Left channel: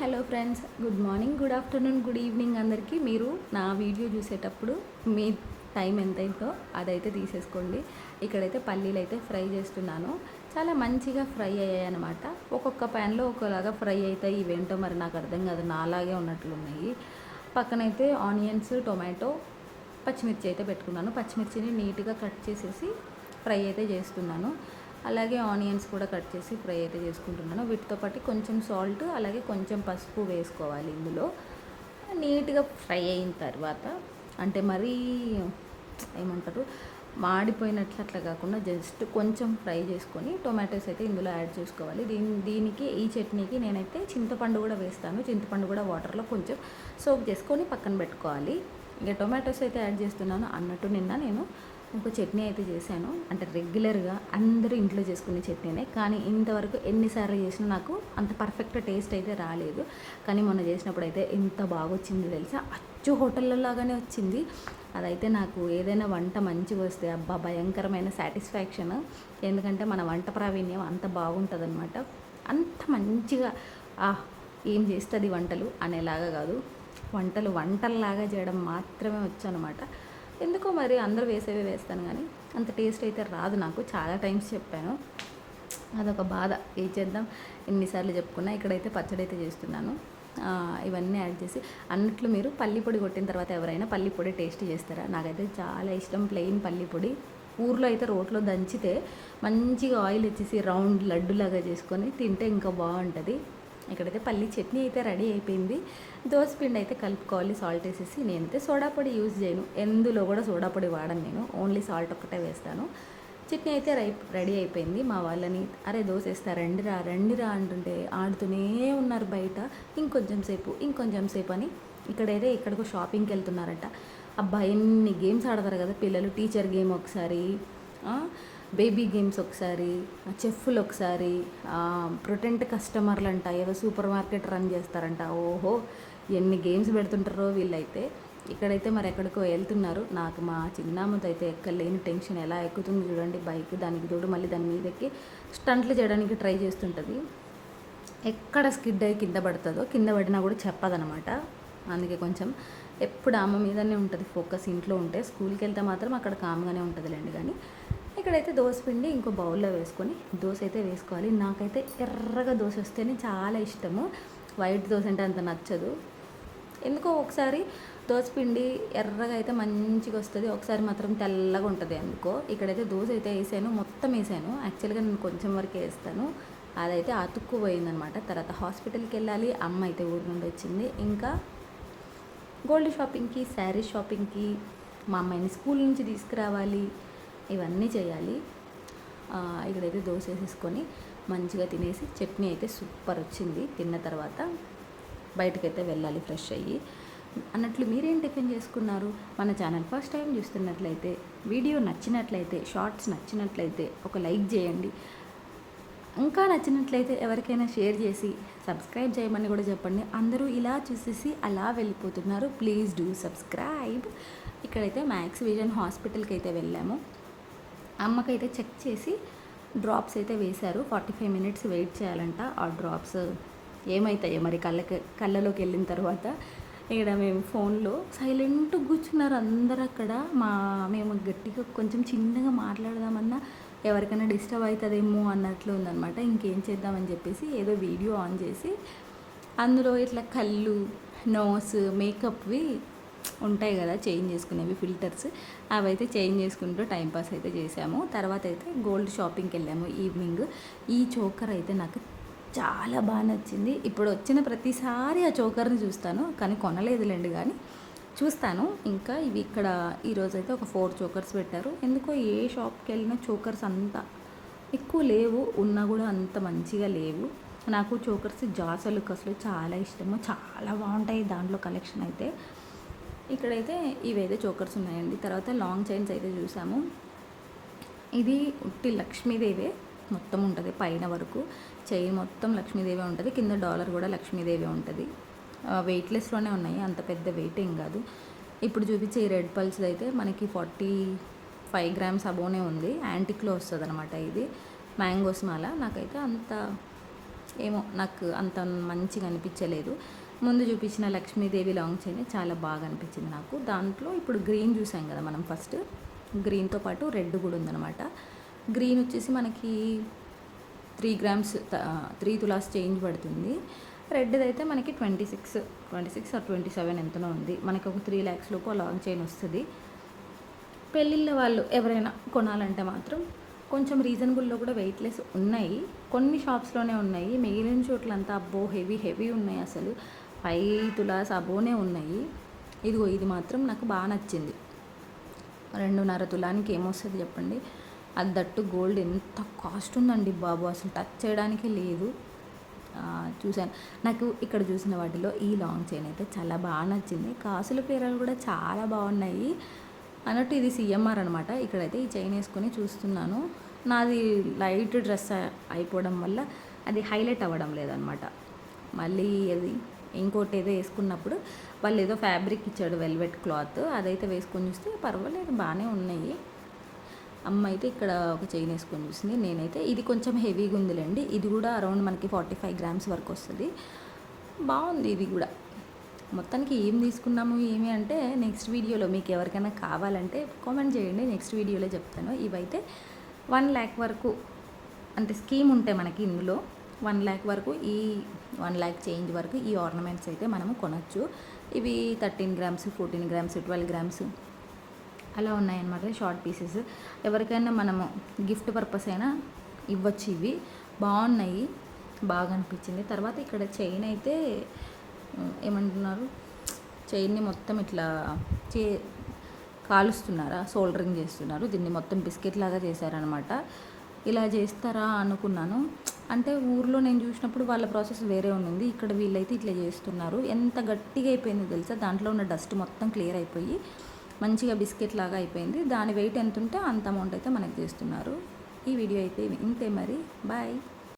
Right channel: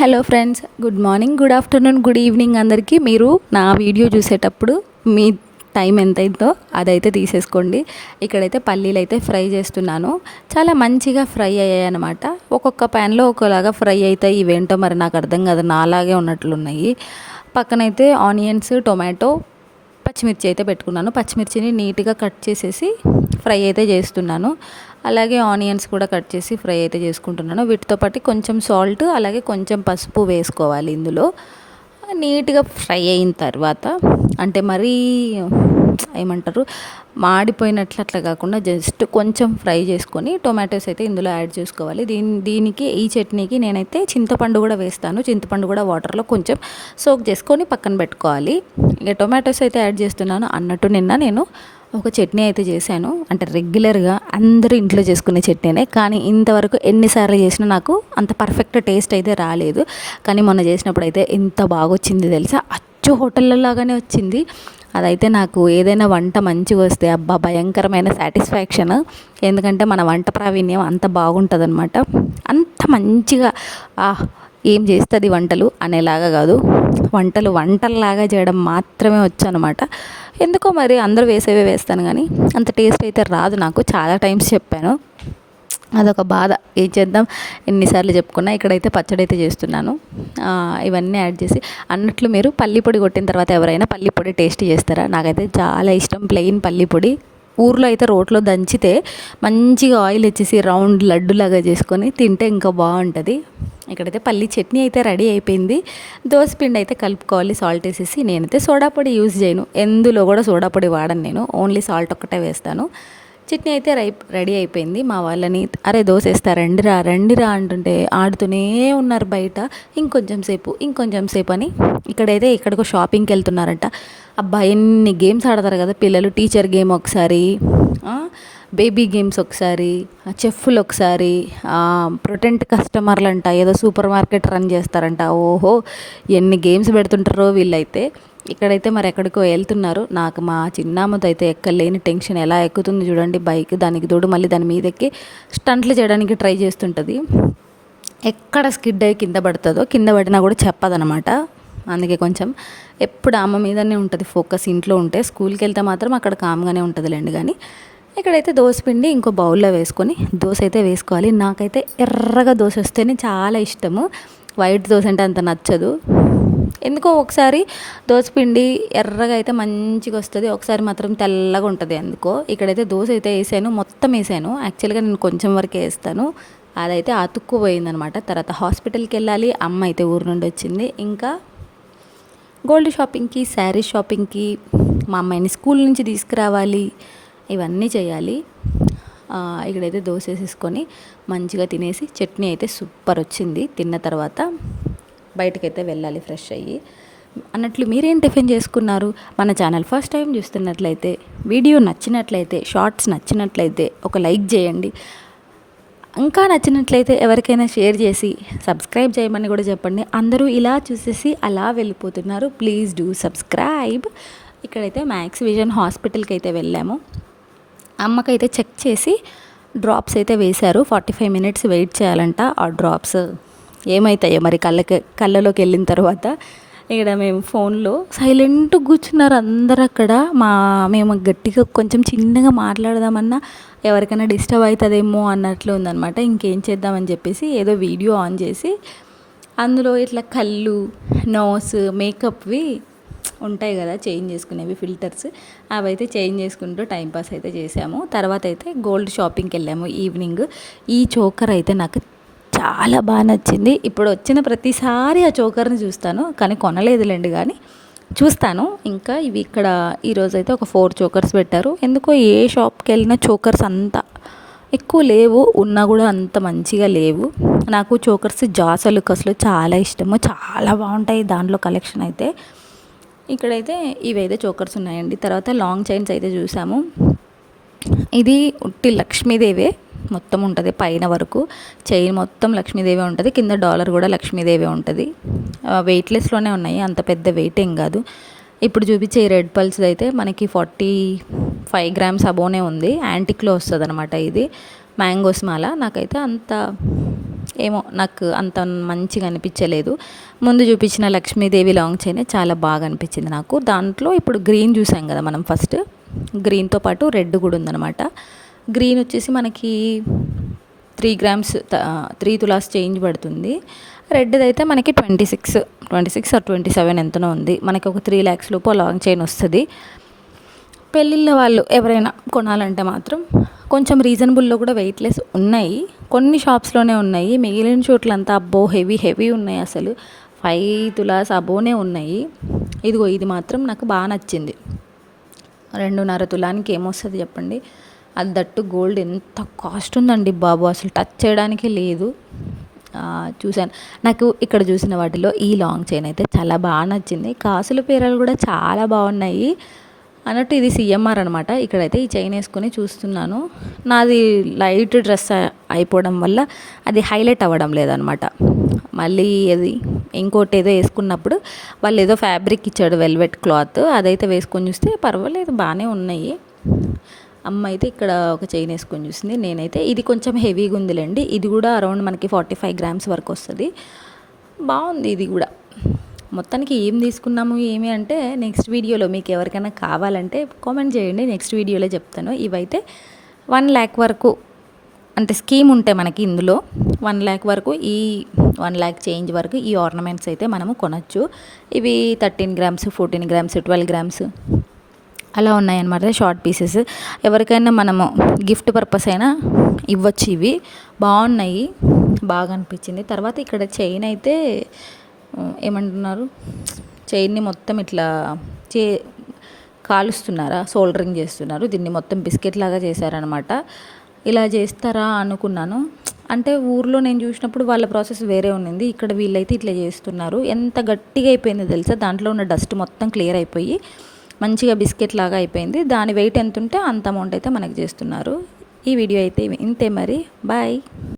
Hello friends good morning good afternoon good evening అందరికీ. మీరు నా వీడియో చూసేటప్పుడు మీ టైం ఎంతైందో అదైతే తీసేసుకోండి. ఇక్కడైతే పల్లీలు అయితే ఫ్రై చేస్తున్నాను. చాలా మంచిగా ఫ్రై అయ్యాయి అనమాట ఒక్కొక్క ప్యాన్లో ఒకలాగా ఫ్రై అవుతాయి. ఇవేంటో మరి నాకు అర్థం కాదు. నాలాగే ఉన్నట్లున్నాయి. పక్కనైతే ఆనియన్స్ టొమాటో పచ్చిమిర్చి అయితే పెట్టుకున్నాను. పచ్చిమిర్చిని నీట్గా కట్ చేసేసి ఫ్రై అయితే చేస్తున్నాను. అలాగే ఆనియన్స్ కూడా కట్ చేసి ఫ్రై అయితే చేసుకుంటున్నాను. వీటితో పాటు కొంచెం సాల్ట్ అలాగే కొంచెం పసుపు వేసుకోవాలి ఇందులో. నీట్గా ఫ్రై అయిన తర్వాత అంటే మరీ ఏమంటారు మాడిపోయినట్లు అట్లా కాకుండా జస్ట్ కొంచెం ఫ్రై చేసుకొని టొమాటోస్ అయితే ఇందులో యాడ్ చేసుకోవాలి. దీని దీనికి ఈ చట్నీకి నేనైతే చింతపండు కూడా వేస్తాను. చింతపండు కూడా వాటర్లో కొంచెం సోక్ చేసుకొని పక్కన పెట్టుకోవాలి. ఇక టొమాటోస్ అయితే యాడ్ చేస్తున్నాను అన్నట్టు నిన్న నేను ఒక చట్నీ అయితే చేశాను. అంటే రెగ్యులర్గా అందరూ ఇంట్లో చేసుకునే చట్నీనే. కానీ ఇంతవరకు ఎన్నిసార్లు చేసినా నాకు అంత పర్ఫెక్ట్ టేస్ట్ అయితే రాలేదు. కానీ మొన్న చేసినప్పుడు అయితే ఎంత బాగా వచ్చింది తెలుసా? అచ్చు హోటళ్ళలాగానే లాగానే వచ్చింది. అదైతే నాకు ఏదైనా వంట మంచిగా వస్తే అబ్బా భయంకరమైన సాటిస్ఫాక్షన్ ఎందుకంటే మన వంట ప్రావీణ్యం అంత బాగుంటుంది అనమాట అంత మంచిగా ఏం చేస్తుంది వంటలు? అనేలాగా కాదు. వంటలు వంటల్లాగా చేయడం మాత్రమే వచ్చు అనమాట ఎందుకో మరి అందరూ వేసేవే వేస్తాను కానీ అంత టేస్ట్ అయితే రాదు నాకు. చాలా టైమ్స్ చెప్పాను. అదొక బాధ. ఏం చేద్దాం? ఎన్నిసార్లు చెప్పుకున్నా ఇక్కడైతే పచ్చడి అయితే చేస్తున్నాను. ఇవన్నీ యాడ్ చేసి అన్నట్లు మీరు పల్లిపొడి కొట్టిన తర్వాత ఎవరైనా పల్లి పొడి టేస్ట్ చేస్తారా? నాకైతే చాలా ఇష్టం. ప్లెయిన్ పల్లిపొడి ఊర్లో అయితే రోట్లో దంచితే మంచిగా ఆయిల్ వచ్చేసి రౌండ్ లడ్డులాగా చేసుకొని తింటే ఇంకా బాగుంటుంది. ఇక్కడైతే పల్లి చట్నీ అయితే రెడీ అయిపోయింది. పిండి అయితే కలుపుకోవాలి సాల్ట్ వేసేసి. నేనైతే సోడా పొడి యూజ్ చేయను. ఎందులో కూడా సోడా పొడి వాడను నేను. ఓన్లీ సాల్ట్ ఒక్కటే వేస్తాను. చట్నీ అయితే రై రెడీ అయిపోయింది. మా వాళ్ళని అరే దోశ వేస్తా రండి రా అంటుంటే ఆడుతూనే ఉన్నారు బయట. ఇంకొంచెం సేపు ఇంకొంచెం సేపు అని ఇక్కడైతే ఇక్కడికో షాపింగ్కి వెళ్తున్నారంట. అబ్బా ఎన్ని గేమ్స్ ఆడతారు కదా పిల్లలు. టీచర్ గేమ్ ఒకసారి బేబీ గేమ్స్ ఒకసారి చెఫ్లు ఒకసారి ప్రొటెంట్ కస్టమర్లు అంట ఏదో సూపర్ మార్కెట్ రన్ చేస్తారంట. ఓహో ఎన్ని గేమ్స్ పెడుతుంటారో వీళ్ళైతే. ఇక్కడైతే మరి ఎక్కడికో వెళ్తున్నారు. నాకు మా చిన్నామతో అయితే ఎక్కలేని టెన్షన్ ఎలా ఎక్కుతుంది చూడండి. బైక్ దానికి తోడు మళ్ళీ దాని మీద ఎక్కి స్టంట్లు చేయడానికి ట్రై చేస్తుంటుంది. ఎక్కడ స్కిడ్ అయ్యి కింద పడుతుందో కింద పడినా కూడా చెప్పదనమాట. అందుకే కొంచెం ఎప్పుడు అమ్మ మీదనే ఉంటుంది ఫోకస్ ఇంట్లో ఉంటే. స్కూల్కి వెళ్తే మాత్రం అక్కడ కామ్గానే ఉంటుందిలేండి కానీ ఇక్కడైతే దోశ పిండి ఇంకో బౌల్లో వేసుకొని దోశ అయితే వేసుకోవాలి. నాకైతే ఎర్రగా దోశ వస్తేనే చాలా ఇష్టము. వైట్ దోశ అంటే అంత నచ్చదు. ఎందుకో ఒకసారి పిండి ఎర్రగా అయితే మంచిగా వస్తుంది. ఒకసారి మాత్రం తెల్లగా ఉంటుంది ఎందుకో ఇక్కడైతే దోశ అయితే వేసాను మొత్తం వేసాను. యాక్చువల్గా నేను కొంచెం వరకే వేస్తాను. అదైతే అతుక్కుపోయిందనమాట తర్వాత హాస్పిటల్కి వెళ్ళాలి. అమ్మ అయితే ఊరు నుండి వచ్చింది. ఇంకా గోల్డ్ షాపింగ్కి శారీ షాపింగ్కి మా అమ్మాయిని స్కూల్ నుంచి తీసుకురావాలి. ఇవన్నీ చేయాలి. ఇక్కడైతే దోశ వేసేసుకొని మంచిగా తినేసి చట్నీ అయితే సూపర్ వచ్చింది. తిన్న తర్వాత బయటకైతే వెళ్ళాలి ఫ్రెష్ అయ్యి. అన్నట్లు మీరేం టిఫిన్ చేసుకున్నారు? మన ఛానల్ ఫస్ట్ టైం చూస్తున్నట్లయితే వీడియో నచ్చినట్లయితే షార్ట్స్ నచ్చినట్లయితే ఒక లైక్ చేయండి. ఇంకా నచ్చినట్లయితే ఎవరికైనా షేర్ చేసి సబ్స్క్రైబ్ చేయమని కూడా చెప్పండి. అందరూ ఇలా చూసేసి అలా వెళ్ళిపోతున్నారు. Please do subscribe. ఇక్కడైతే మ్యాక్స్ విజన్ హాస్పిటల్కి అయితే వెళ్ళాము. అమ్మకైతే చెక్ చేసి డ్రాప్స్ అయితే వేశారు. ఫార్టీ ఫైవ్ మినిట్స్ వెయిట్ చేయాలంట ఆ డ్రాప్స్. ఏమవుతాయో మరి కళ్ళకి కళ్ళలోకి వెళ్ళిన తర్వాత ఇక్కడ మేము ఫోన్లో సైలెంట్ కూర్చున్నారు అందరు అక్కడ. మా మేము గట్టిగా కొంచెం చిన్నగా మాట్లాడదామన్నా ఎవరికైనా డిస్టర్బ్ అవుతుందేమో అన్నట్లు ఉందనమాట ఇంకేం చేద్దామని చెప్పేసి ఏదో వీడియో ఆన్ చేసి అందులో ఇట్లా కళ్ళు నోస్ మేకప్వి ఉంటాయి కదా చేంజ్ చేసుకునేవి ఫిల్టర్స్. అవైతే చేంజ్ చేసుకుంటూ టైంపాస్ అయితే చేసాము. తర్వాత అయితే గోల్డ్ షాపింగ్కి వెళ్ళాము ఈవినింగ్. ఈ చోకర్ అయితే నాకు చాలా బాగా నచ్చింది. ఇప్పుడు వచ్చిన ప్రతిసారి ఆ చోకర్ని చూస్తాను కానీ కొనలేదులేండి కానీ చూస్తాను. ఇంకా ఇవి ఇక్కడ ఈరోజు అయితే ఒక ఫోర్ చోకర్స్ పెట్టారు. ఎందుకో ఏ షాప్కి వెళ్ళినా చోకర్స్ అంత ఎక్కువ లేవు ఉన్నా కూడా అంత మంచిగా లేవు. నాకు చోకర్స్ జాసలు కసలు చాలా ఇష్టము. చాలా బాగుంటాయి దాంట్లో కలెక్షన్ అయితే. ఇక్కడైతే ఇవైతే చోకర్స్ ఉన్నాయండి. తర్వాత లాంగ్ చైన్స్ అయితే చూసాము. ఇది ఉట్టి లక్ష్మీదేవే మొత్తం ఉంటుంది పైన వరకు. చైన్ మొత్తం లక్ష్మీదేవి ఉంటుంది. కింద డాలర్ కూడా లక్ష్మీదేవి ఉంటుంది. వెయిట్లెస్లోనే ఉన్నాయి. అంత పెద్ద వెయిట్ ఏం కాదు. ఇప్పుడు చూపించే రెడ్ పల్స్ అయితే మనకి ఫార్టీ ఫైవ్ గ్రామ్స్ అబోనే ఉంది. యాంటిక్లో వస్తుంది అనమాట ఇది. మ్యాంగోస్ మాల. నాకైతే అంత ఏమో నాకు అంత మంచిగా అనిపించలేదు. ముందు చూపించిన లక్ష్మీదేవి లాంగ్ చైన్ చాలా బాగా అనిపించింది నాకు. దాంట్లో ఇప్పుడు గ్రీన్ చూసాం కదా మనం ఫస్ట్. గ్రీన్తో పాటు రెడ్ కూడా ఉందన్నమాట. గ్రీన్ వచ్చేసి మనకి three grams three tolas change పడుతుంది. రెడ్ది అయితే మనకి twenty six twenty six or twenty seven ఎంతనో ఉంది. మనకి ఒక త్రీ ల్యాక్స్ లోపు లాంగ్ చైన్ వస్తుంది. పెళ్ళిళ్ళ వాళ్ళు ఎవరైనా కొనాలంటే మాత్రం కొంచెం రీజనబుల్లో కూడా వెయిట్లెస్ ఉన్నాయి. కొన్ని షాప్స్లోనే ఉన్నాయి. మిగిలిన చోట్లంతా అబ్బో హెవీ హెవీ ఉన్నాయి అసలు. ఫైవ్ తులాస్ అబోనే ఉన్నాయి. ఇదిగో ఇది మాత్రం నాకు బాగా నచ్చింది. రెండున్నర తులానికి ఏమొస్తుంది చెప్పండి? అది దట్టు గోల్డ్ ఎంత కాస్ట్ ఉందండి బాబు. అసలు టచ్ చేయడానికి లేదు. చూశాను. నాకు ఇక్కడ చూసిన వాటిలో ఈ లాంగ్ చైన్ అయితే చాలా బాగా నచ్చింది. కాసుల పేరలు కూడా చాలా బాగున్నాయి. అన్నట్టు ఇది సిఎంఆర్ అనమాట ఇక్కడైతే ఈ చైన్ వేసుకొని చూస్తున్నాను. నాది లైట్ డ్రెస్ అయిపోవడం వల్ల అది హైలైట్ అవ్వడం లేదనమాట మళ్ళీ అది ఇంకోటి ఏదో వేసుకున్నప్పుడు వాళ్ళు ఏదో ఫ్యాబ్రిక్ ఇచ్చాడు వెల్వెట్ క్లాత్. అదైతే వేసుకొని చూస్తే పర్వాలేదు బాగానే ఉన్నాయి. అమ్మ అయితే ఇక్కడ ఒక చైన్ వేసుకొని చూసింది. నేనైతే ఇది కొంచెం హెవీగా ఉందిలేండి. ఇది కూడా అరౌండ్ మనకి ఫార్టీ ఫైవ్ గ్రామ్స్ వరకు వస్తుంది. బాగుంది ఇది కూడా. మొత్తానికి ఏం తీసుకున్నాము ఏమి అంటే నెక్స్ట్ వీడియోలో మీకు ఎవరికైనా కావాలంటే కామెంట్ చేయండి నెక్స్ట్ వీడియోలో చెప్తాను. ఇవైతే వన్ ల్యాక్ వరకు అంటే స్కీమ్ ఉంటాయి మనకి ఇందులో వన్ ల్యాక్ వరకు ఈ వన్ ల్యాక్ చేంజ్ వరకు ఈ ఆర్నమెంట్స్ అయితే మనము కొనచ్చు. ఇవి thirteen grams fourteen grams twelve grams అలా ఉన్నాయన్నమాట షార్ట్ పీసెస్ ఎవరికైనా మనము గిఫ్ట్ పర్పస్ అయినా ఇవ్వచ్చు ఇవి. బాగున్నాయి బాగా అనిపించింది. తర్వాత ఇక్కడ చైన్ అయితే ఏమంటున్నారు? చైన్ని మొత్తం ఇట్లా చే కాలుస్తున్నారా? సోల్డరింగ్ చేస్తున్నారు. దీన్ని మొత్తం బిస్కెట్ లాగా చేశారనమాట ఇలా చేస్తారా అనుకున్నాను. అంటే ఊర్లో నేను చూసినప్పుడు వాళ్ళ ప్రాసెస్ వేరే ఉన్నింది. ఇక్కడ వీళ్ళైతే ఇట్లా చేస్తున్నారు. ఎంత గట్టిగా అయిపోయిందో తెలుసా? దాంట్లో ఉన్న డస్ట్ మొత్తం క్లియర్ అయిపోయి మంచిగా బిస్కెట్ లాగా అయిపోయింది. దాని వెయిట్ ఎంత ఉంటే అంత అమౌంట్ అయితే మనకి చేస్తున్నారు. ఈ వీడియో అయితే ఇంతే మరి. బాయ్.